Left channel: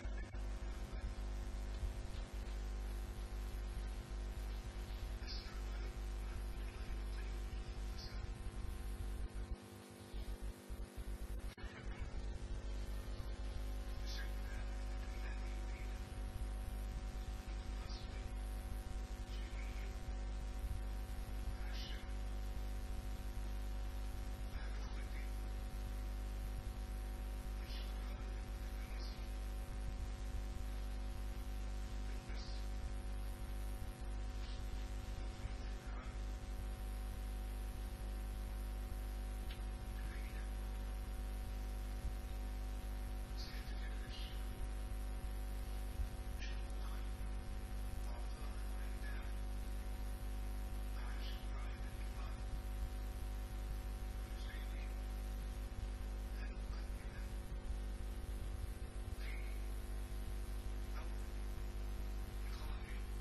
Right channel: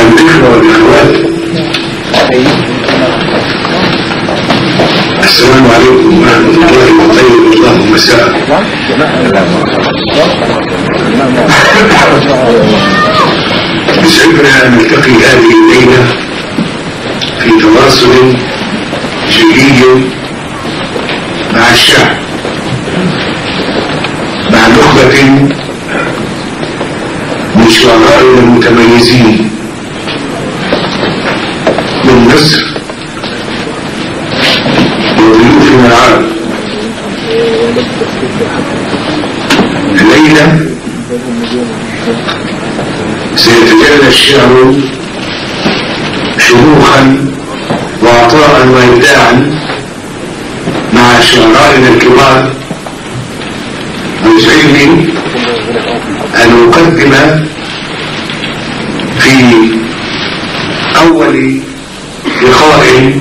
الإخوة والأخوات، السلام عليكم ورحمة الله وطيب الله مساء. يسعدنا أن نلتقي هذه الليلة في تواصل جديد مع الشعب، مع نخبة من شعرائنا المتميزين من مصر وضيوفنا العرب. الليلة سيتجلى الشعر شموخا وعطاء وإبداعا مع شعرائنا الكبار، ويسعدني أن أقدم في أول لقاء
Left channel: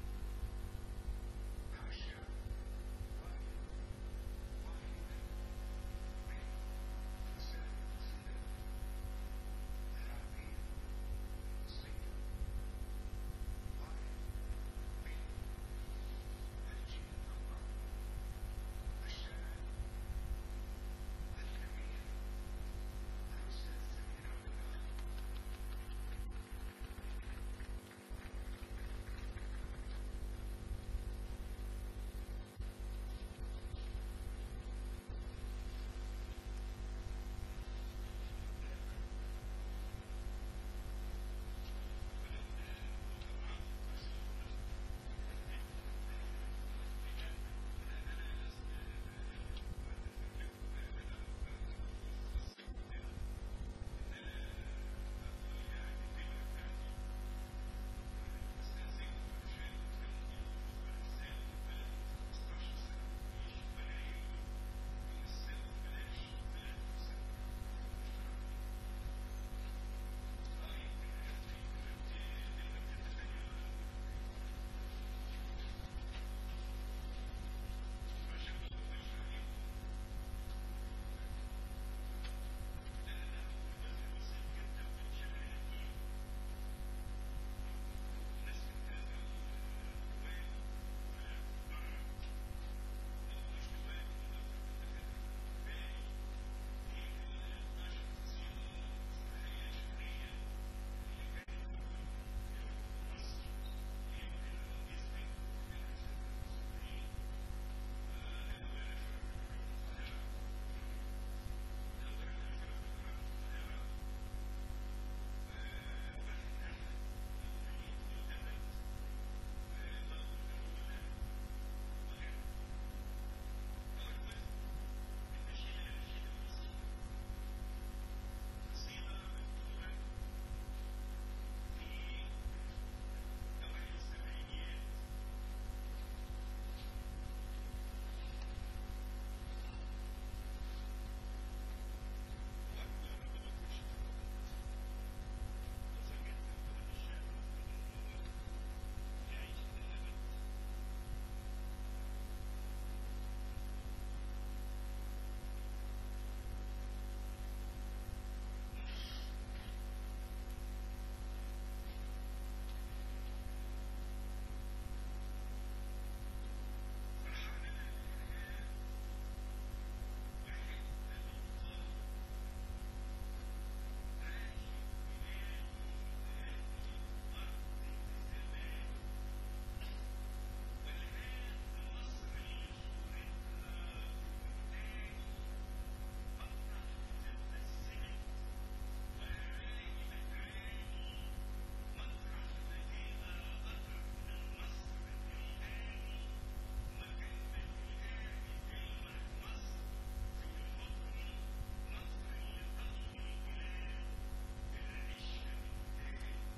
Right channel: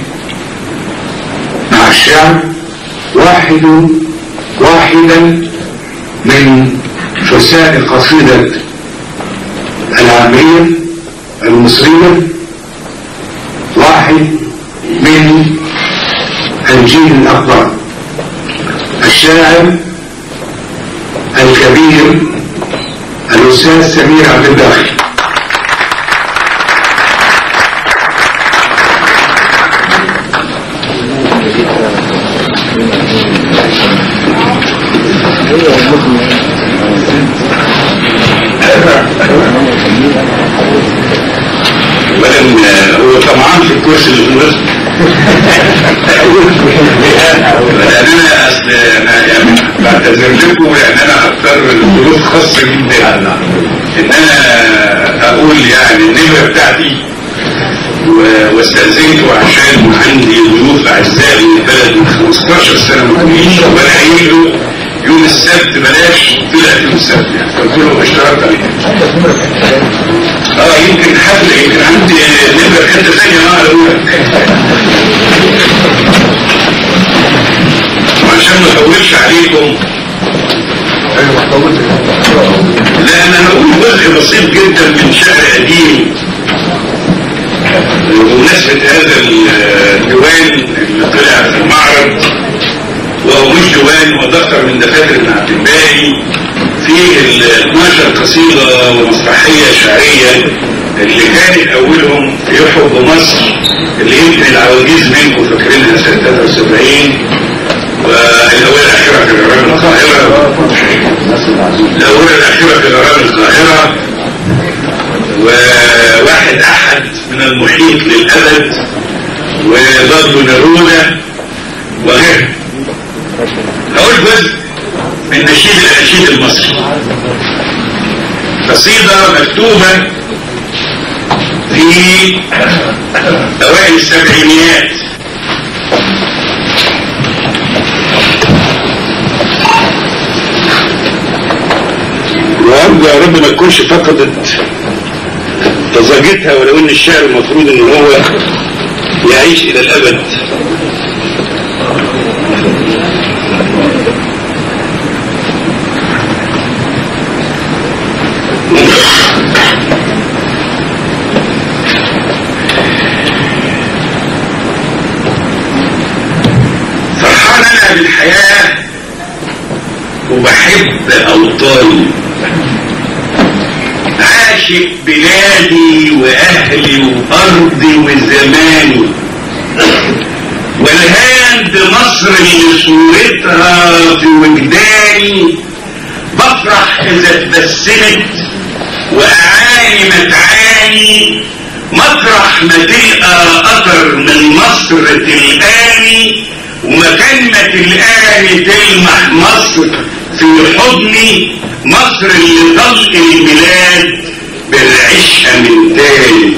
مع الشعب واحدا من فساء قصيدة العامية المصرية، واحد من الجيل الأكبر، الشاعر الكبير الأستاذ سمير عبد الباقي. هو طمعان في الكرسي اللي في النص. انا اصل يعني بعتذر لكم لان انا هضطر لظروف خاصه جدا ان انا اقول يعني النمره بتاعتي، واستاذنته عشان عندي ضيوف اعزاء من البلد من 15 سنه ما كنتش، وانا قايل له يوم السبت بلاش، طلعت يوم السبت يعني، قلت له اشتركت عليه. يمكن حفله، يمكن عندي نمره حته ثانيه انا اقولها وعشان ما اطولش عليكم. لا انا هقول جزء بسيط جدا من شعر قديم بمناسبه هذا الديوان اللي طلع في المعرض، وهو مش ديوان، هو دفتر من دفاتر ابن عبد الباقي فيه 12 قصيده ومسرحيه شعريه اللي كانت اولهم في حب مصر، اللي يمكن العواجيز منكم فاكرينها سنه 73، والاولى الاخيره في غرام القاهره، الاولى الاخيره في غرام القاهره، وواحد احد من المحيط للابد، وضد نرونه، وغيره. اقول جزء من نشيد الاناشيد المصري، قصيده مكتوبه في اوائل السبعينيات، وارجو يا رب ما تكونش فقدت طزاجتها، ولو ان الشعر المفروض ان هو يعيش الى الابد. فرحان انا بالحياه وبحب اوطاني، عاشق بلادي واهلي وارضي وزماني، والهان بمصر اللي صورتها في وجداني، بفرح اذا اتبسمت واعاني متعاني، مطرح ما تلقى قطر من مصر تلقاني، ومكان ما تلقاني تلمح مصر في حضني، مصر اللي طلق البلاد بالعشق من تاني.